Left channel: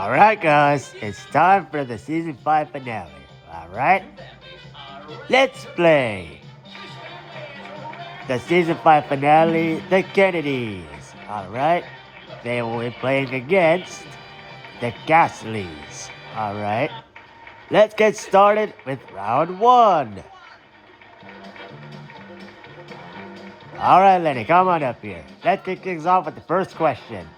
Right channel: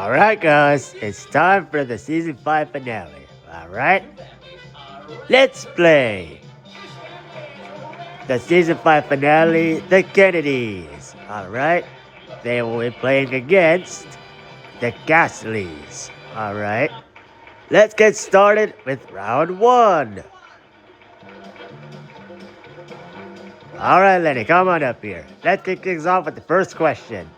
Alright, guys, it's time for the season 5 finale. Alright, let's play the season 5 finale, the Kennedys. Alright, they will be playing against the Gasleys. Alright, let's get started with round 1. Alright, Lenny, come on up here. Let's kick things off with the first question.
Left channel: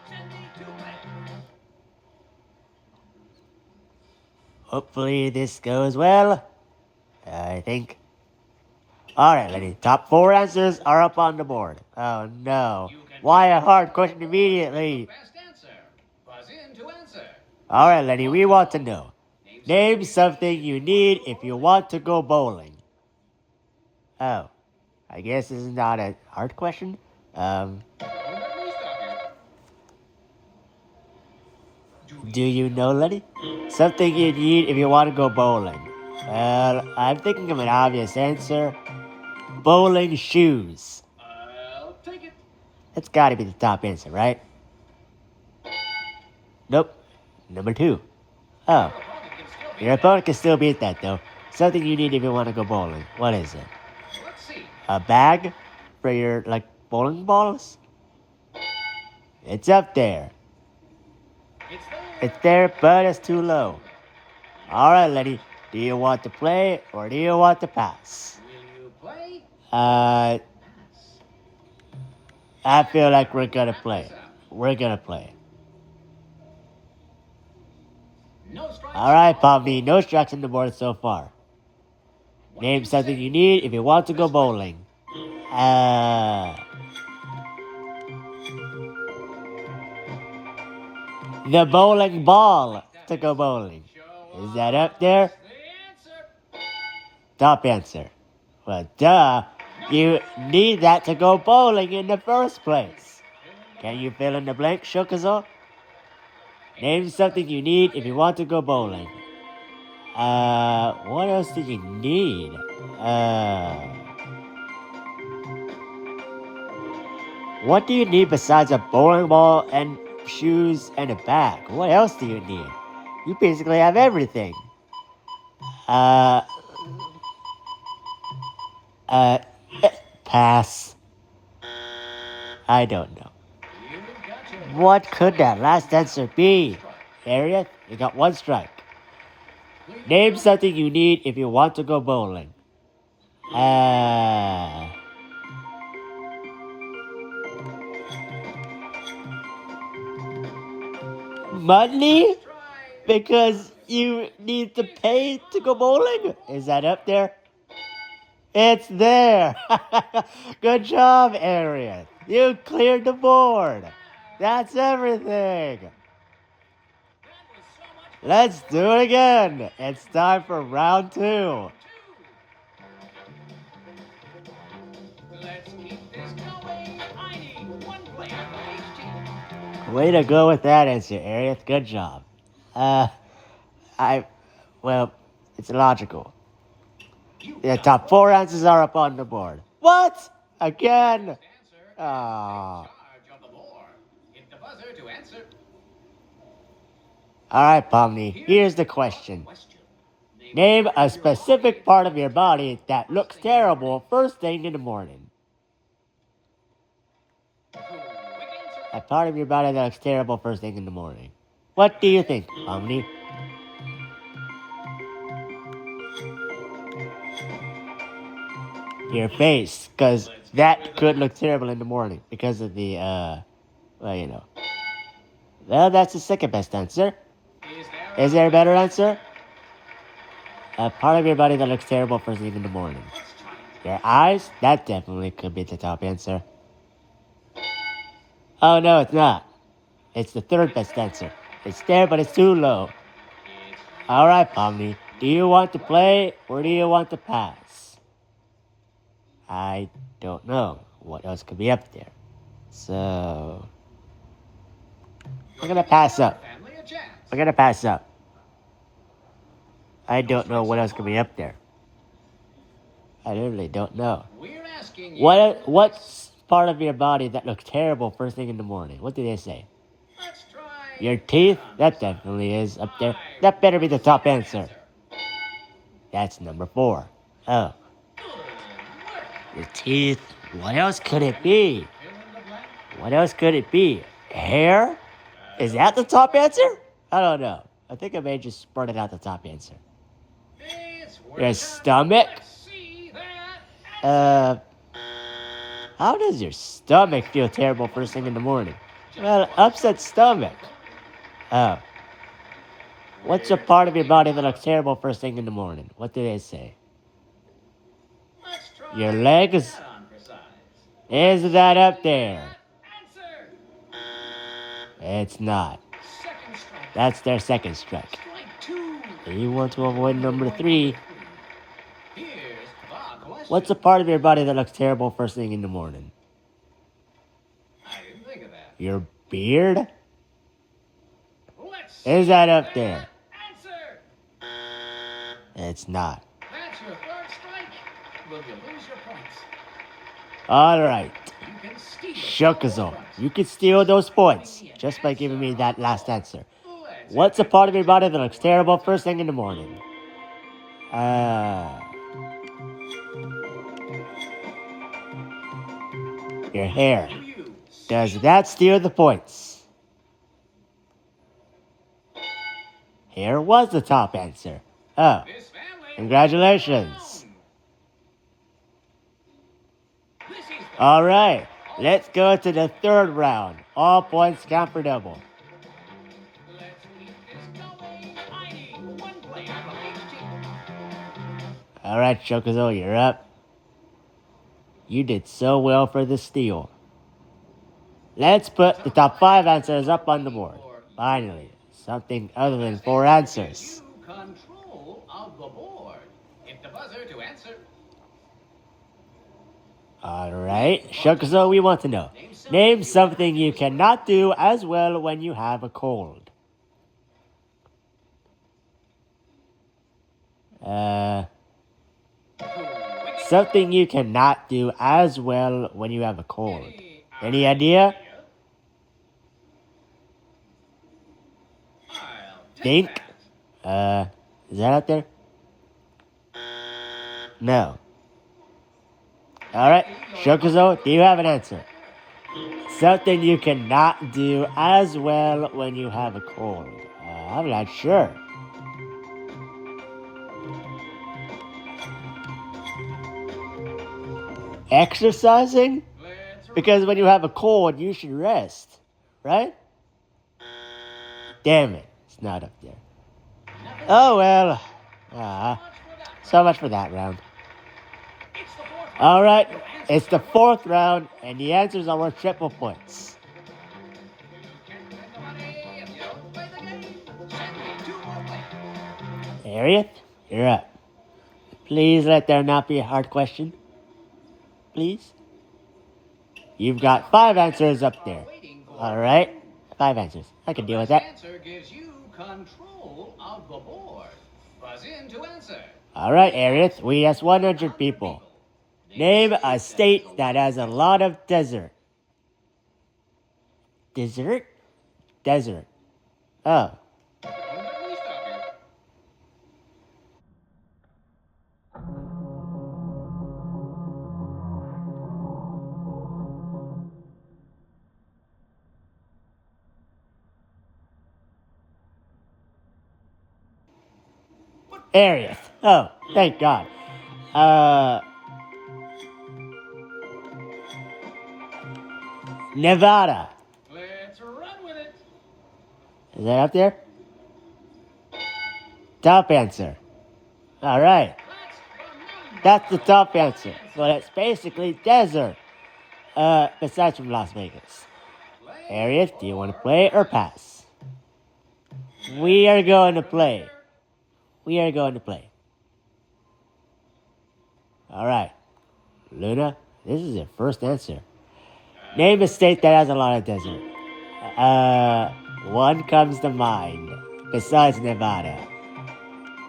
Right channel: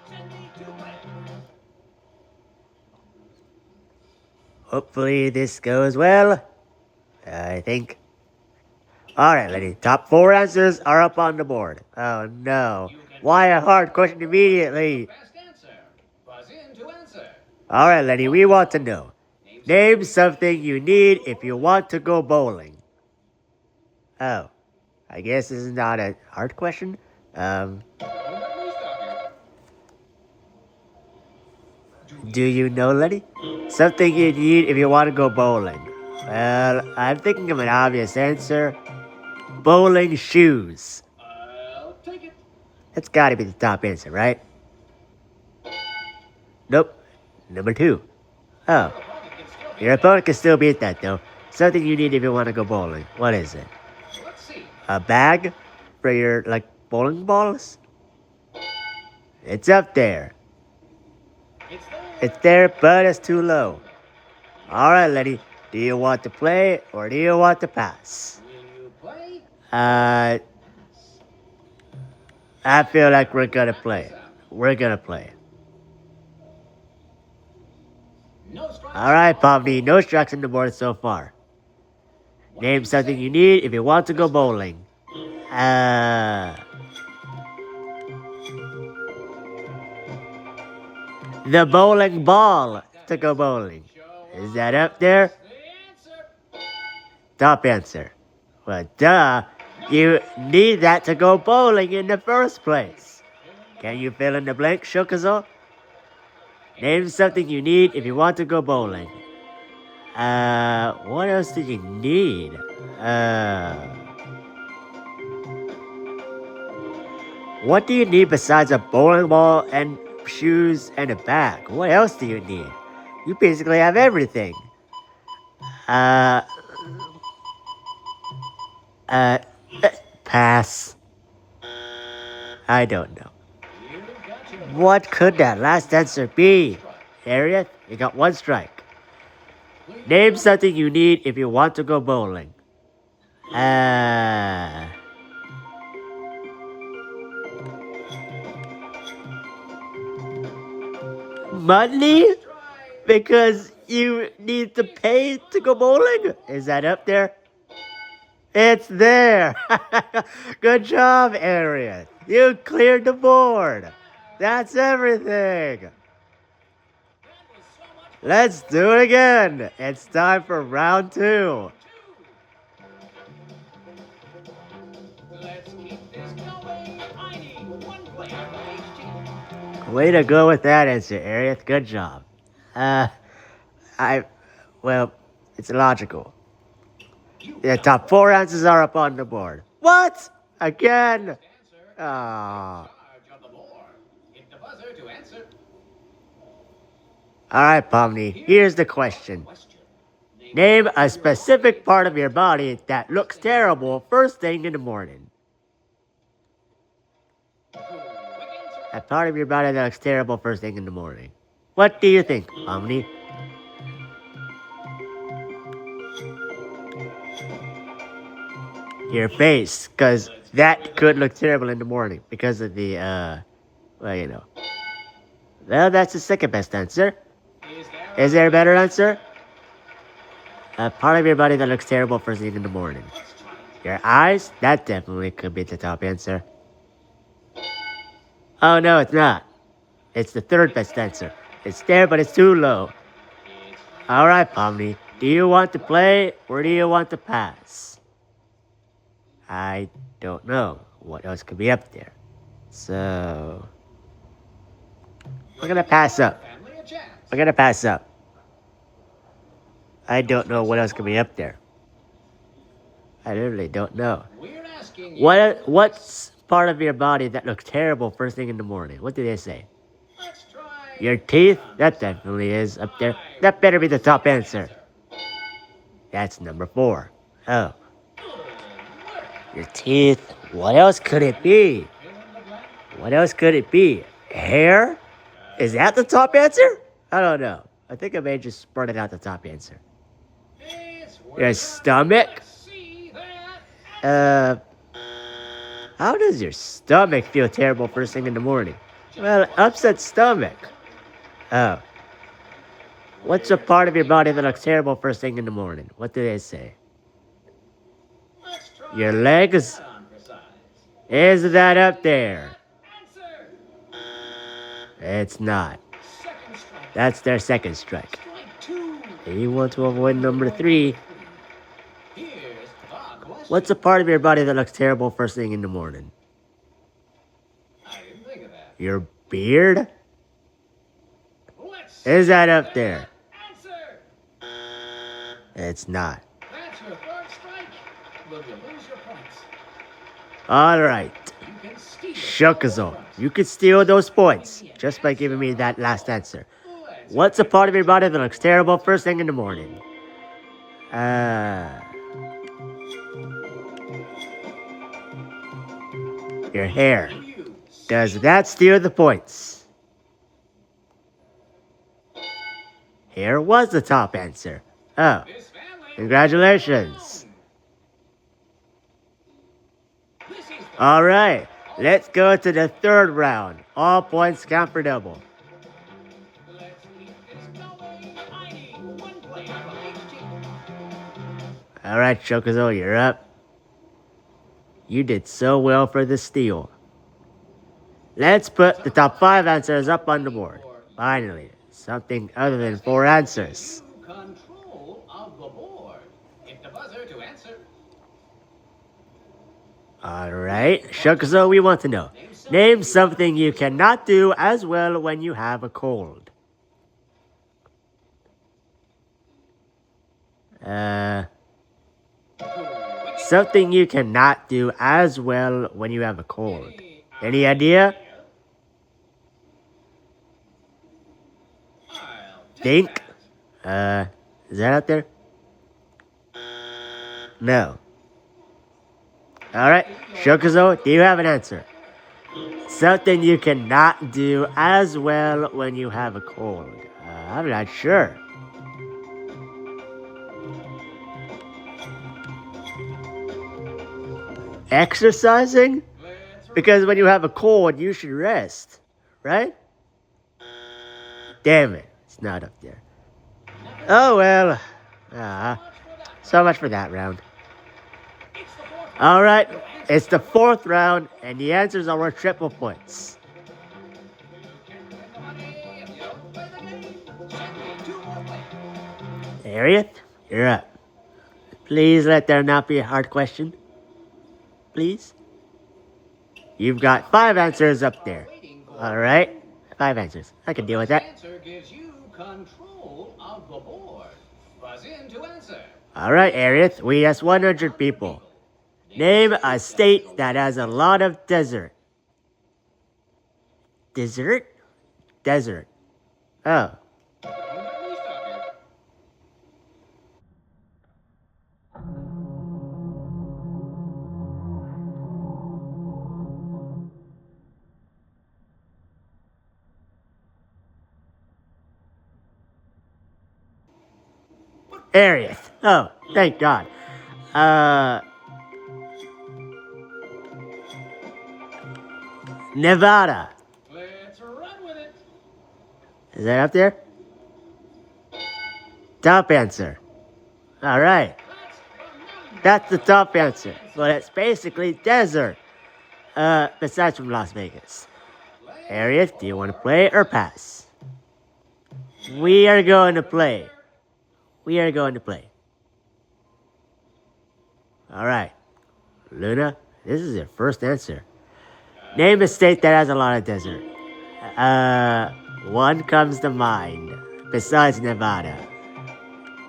Hopefully this goes well. I think. Alright, Lenny. Top 4 answers are up on the board. Oh no. Why a hard question immediately? Alright, Lenny, we want to know. Name something you need if you want to go bowling. Oh. I guess this is not a hard question. Do you know, Lenny? Something you need if you want to go bowling. Well, I'm thinking of an obvious answer. Bowling shoes. That's gotta be the top answer, right? Nope. Number 2. Oh. Your opponent can still beat that, though. Something you need if you want to go bowling. What is it? A bag? For your, bowling balls? It's up there. It's there, but it's too low. Alright, Lenny. Do you want to play, or do you want to pass? I feel like we're gonna play. We're gonna play. Alright, Pomni, no strikes on the board so far. Name something you need if you want to go bowling. The bowling ball to go bowling. Is that up there? Top answer. Well, duh. You need that to go bowling in the first place. Can you fill in the blank, Shokazo? Name something you need if you want to go bowling. What else do you need? What do you need besides a bowling ball and shoes and a bag? What else do you need? You basically have everything. Pass. I don't know. What could that last answer be? Harriet, you got 1 strike. Name something you need if you want to go bowling. Money? Because you need to pay to go bowling? Is that up there? It's there. Good job, Harriet. You cleared the board. That's everything. Let's do it again. It's time for round 2. Way to go with that answer, Harriet. Good job. Well, it's logical. The top 4 answers are up on the board. What? Again? Oh. Alright, Pomni, here's the question. Name a specific part of your body that looks terrible first thing in the morning. A part of your body that looks terrible first thing in the morning. What do you think, Pomni? Your face, because that could look terrible in the morning because of the, Well, that's the second best answer. Is there a better answer? A part of your body that looks terrible first thing in the morning. Your eyes? That definitely could be the top answer. Oh, no, it's not. It's the third best answer. It's there, but it's too low. Alright, Pomni. Do you want to play, or do you want to pass? I don't know what else could be up there. So we're gonna pass up. I don't know what else could be up there. I literally don't know. What's part of your body that looks terrible first thing in the morning? What do they say? Your teeth? That definitely is up there. That better be the top answer. That's number 4. Oh. Your teeth. What else could it be? What else could it be? Hair? Is that the top answer? I don't know. I think I may have just spurted out the top answer. Your stomach? How does your stomach feel terrible first thing in the morning? Well, upset stomach. Oh. What's a part of your body that looks terrible first thing in the morning? What do they say? Your legs? Is that up there? It's not. That's their second strike. You want to avoid number 3. What's a part of your body that looks terrible first thing in the morning? Your beard? Is that up there? It's not. Alright. Shukazo, you can steal those points just by giving me that last answer. What's a part of your body that looks terrible first thing in the morning? Your hair. Does that steal the points? Hair was the top answer. Oh, congratulations. All right, let's go to the third round. All points count for double. All right, Chocozo, you're up. You did so well for the steal. Let's put the top 5 answers up on the board. Finally, something other than 4 answers. Alright, Chocozo, we want to know. Name something you cannot do as well when you have a cold. Something you cannot do as well when you have a cold. Any idea? Think? Is that out there? No. Alright, Chocozo, do you have an answer? Something you cannot do as well when you have a cold. I'm not sure. Exercising? Because when you have a cold, you should rest, right? Damn it, it's not up there. Oh well. So much for that round. Alright, it's the 4th round, and the answers are worth triple points. Harriet, you're up. Please let there not be a hard question. Please. You've got 5 answers up there. Alright, 5 answers. I can deal with that. Alright, Harriet, we asked 100 people. Name a state that has a lot of desert. Desert? Desert. Oh. Harriet. Oh, thank God. Nevada. Let's run with it. Is that up there? Top answer. All right. That's the top answer. But it's basically desert. Besides from Las Vegas. Harriet, do you want to play or pass? We are going to play. We are going to play. All right. Luna, this is your first answer. Name a state that has a lot of desert. One comes to mind. Besides Nevada.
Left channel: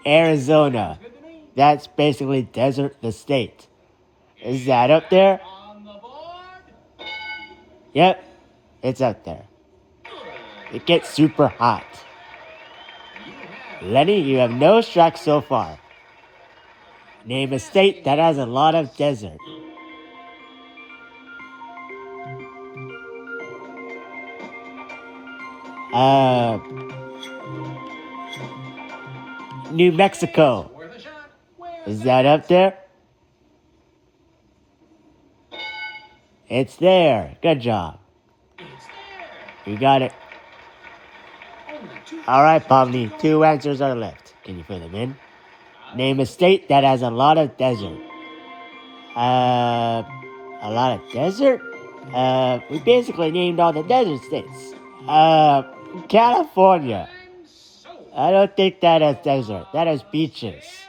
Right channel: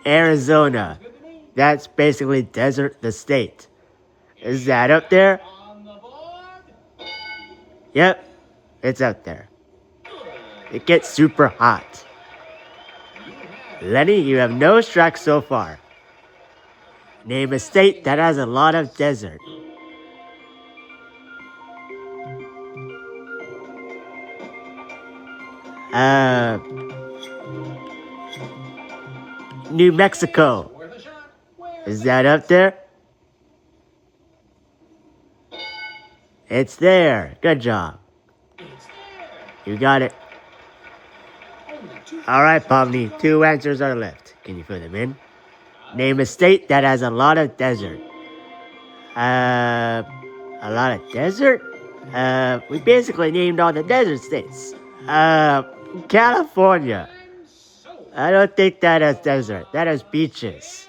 Arizona. That's basically desert the state. Is that up there? Yep. It's up there. It gets super hot. Lenny, you have no strikes so far. Name a state that has a lot of desert. New Mexico. Is that up there? It's there. Good job. You got it. All right, Pomni. 2 answers are left. Can you fill them in? Name a state that has a lot of desert. A lot of desert? We basically named all the desert states. California. I don't think that has desert. That has beaches.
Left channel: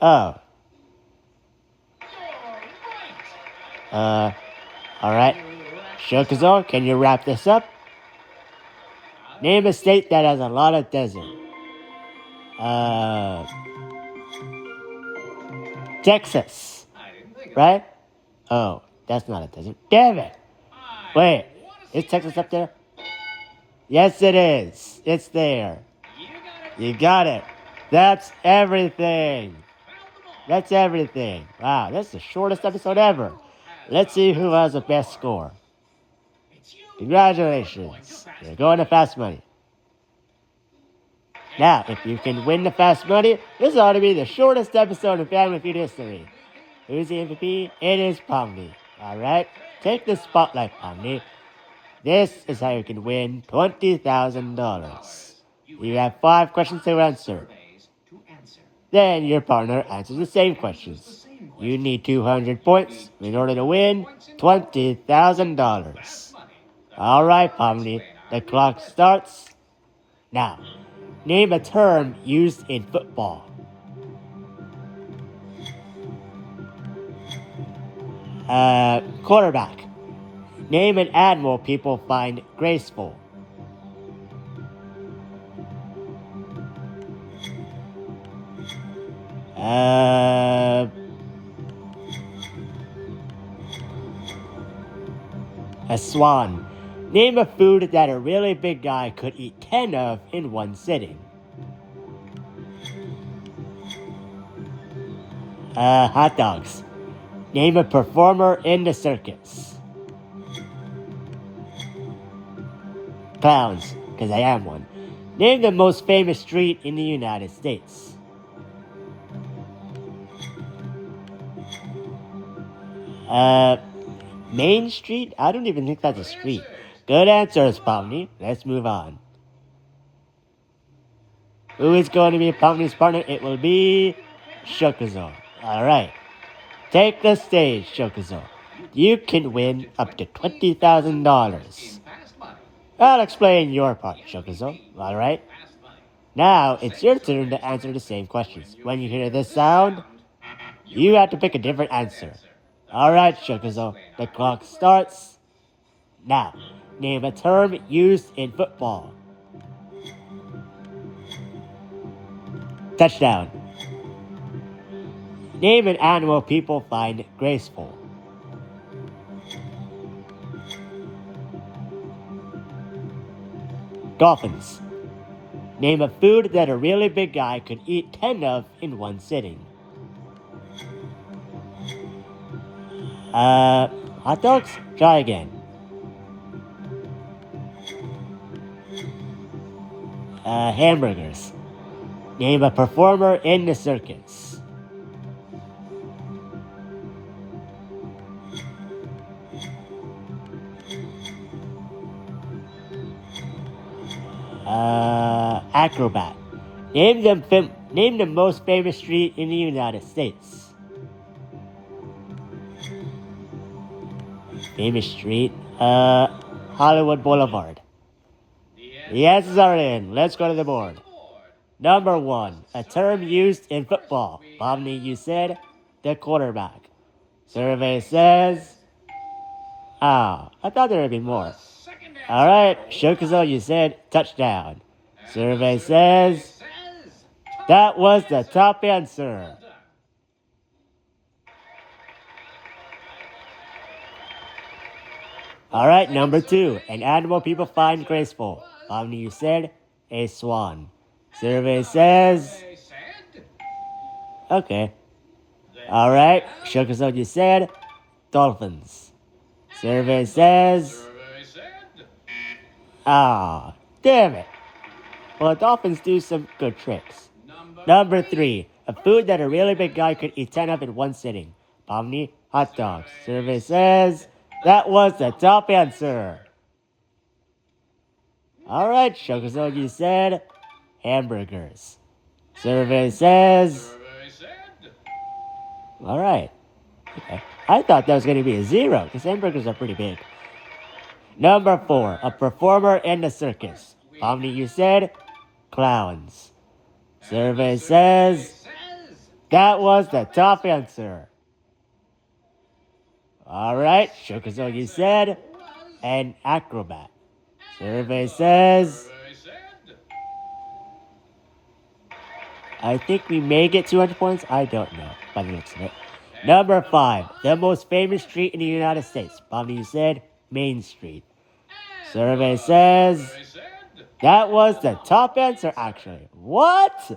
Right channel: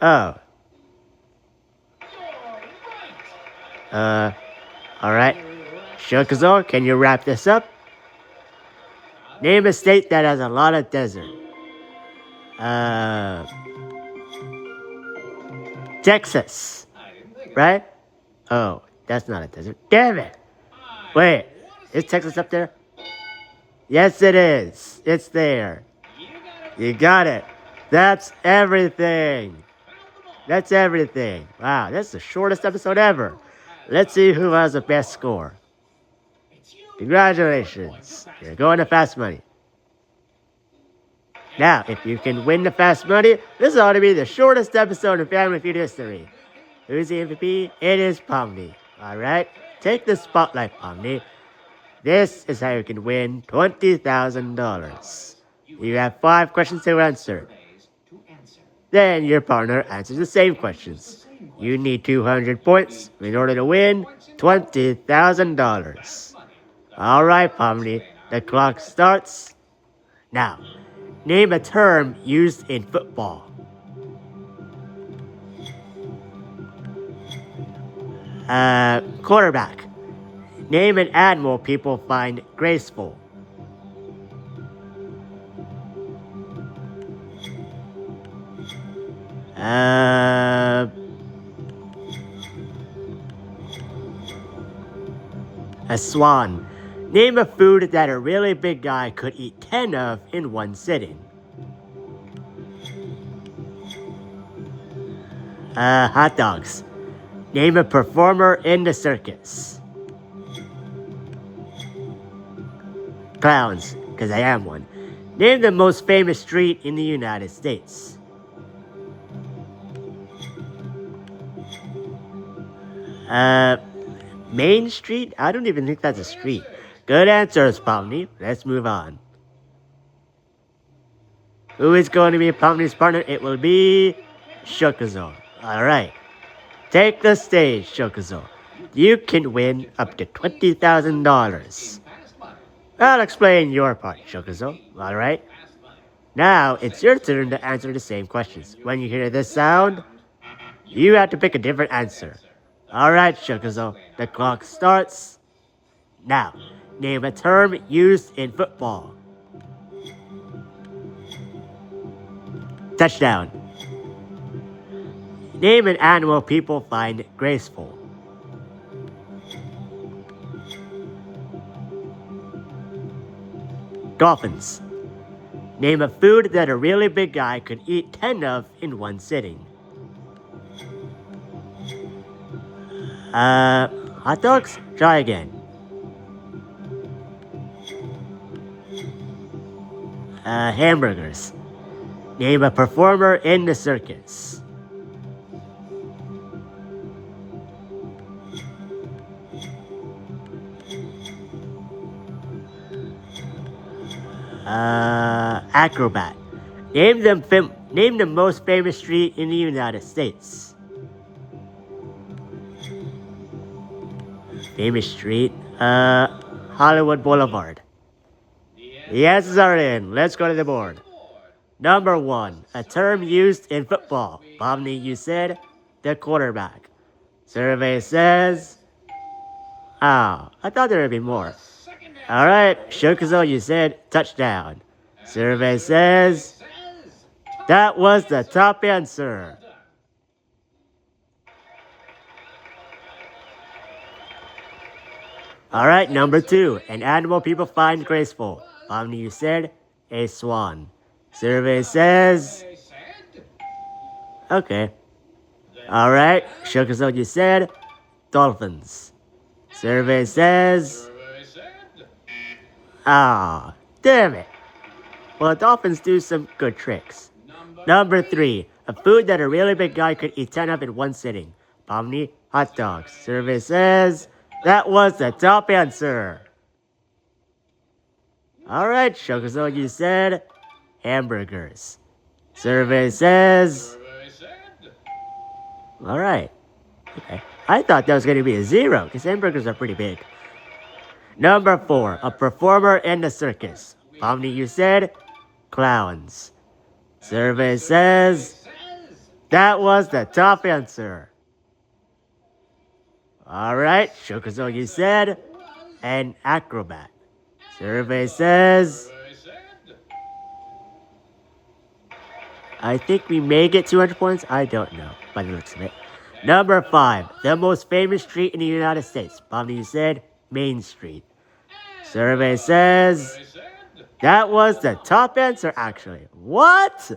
Oh. Alright. Shokuzo, can you wrap this up? Name a state that has a lot of desert. Texas. Right? Oh, that's not a desert. Damn it! Wait, is Texas up there? Yes, it is. It's there. You got it. That's everything. That's everything. Wow, that's the shortest episode ever. Let's see who has the best score. Congratulations. You're going to Fast Money. Now, if you can win the Fast Money, this ought to be the shortest episode in Family Feud history. Who's the MVP? It is Pomni. Alright? Take the spotlight, Pomni. This is how you can win $20,000. You have 5 questions to answer. Then your partner answers the same questions. You need 200 points in order to win $20,000. All right, Pomni, the clock starts now. Name a term used in football. Quarterback. Name an animal people find graceful. A swan. Name a food that a really big guy could eat 10 of in one sitting. Hot dogs. Name a performer in the circus. Clowns, because I am one. Name the most famous street in the United States. Main Street? I don't even think that's a street. Good answers, Pomni. Let's move on. Who is going to be Pomni's partner? It will be Shokuzo. Alright. Take the stage, Shokuzo. You can win up to $20,000. I'll explain your part, Shokuzo. Alright? Now, it's your turn to answer the same questions. When you hear this sound, you have to pick a different answer. Alright, Shokuzo. The clock starts now. Name a term used in football. Touchdown. Name an animal people find graceful. Dolphins. Name a food that a really big guy could eat 10 of in one sitting. Hot dogs? Try again. Hamburgers. Name a performer in the circus. Acrobat. Name the most famous street in the United States. Famous street? Hollywood Boulevard. The answers are in. Let's go to the board. Number 1, a term used in football. Pomni, you said the quarterback. Survey says... Oh, I thought there would be more. Alright, Shokuzo, you said touchdown. Survey says... That was the top answer. Alright, number 2. An animal people find graceful. Omni, you said a swan. Survey says... Okay. Alright, Shokazone, you said dolphins. Survey says... Ah, damn it. Well, dolphins do some good tricks. Number 3. A food that a really big guy could eat 10 of in one sitting. Omni, hot dogs. Survey says... That was the top answer. Alright, Shokazone, you said hamburgers. Survey says... Alright. Okay. I thought that was going to be a 0, because hamburgers are pretty big. Number 4. A performer in the circus. Omni, you said clowns. Survey says... That was the top answer. Alright, Shokazone, you said an acrobat. Survey says... I think we may get 200 points. I don't know by the looks of it. Number 5. The most famous street in the United States. Omni, you said Main Street. Survey says... That was the top answer, actually. What?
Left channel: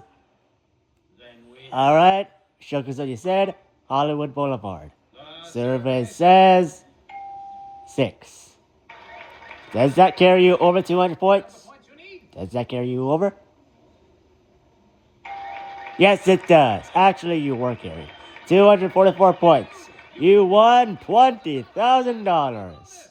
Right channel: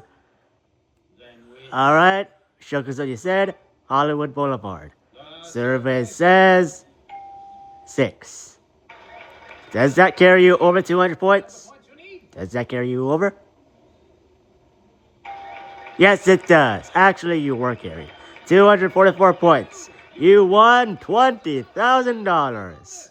Alright, Shokazone, you said Hollywood Boulevard. Survey says 6. Does that carry you over 200 points? Does that carry you over? Yes, it does. Actually, you were carried. 244 points. You won $20,000.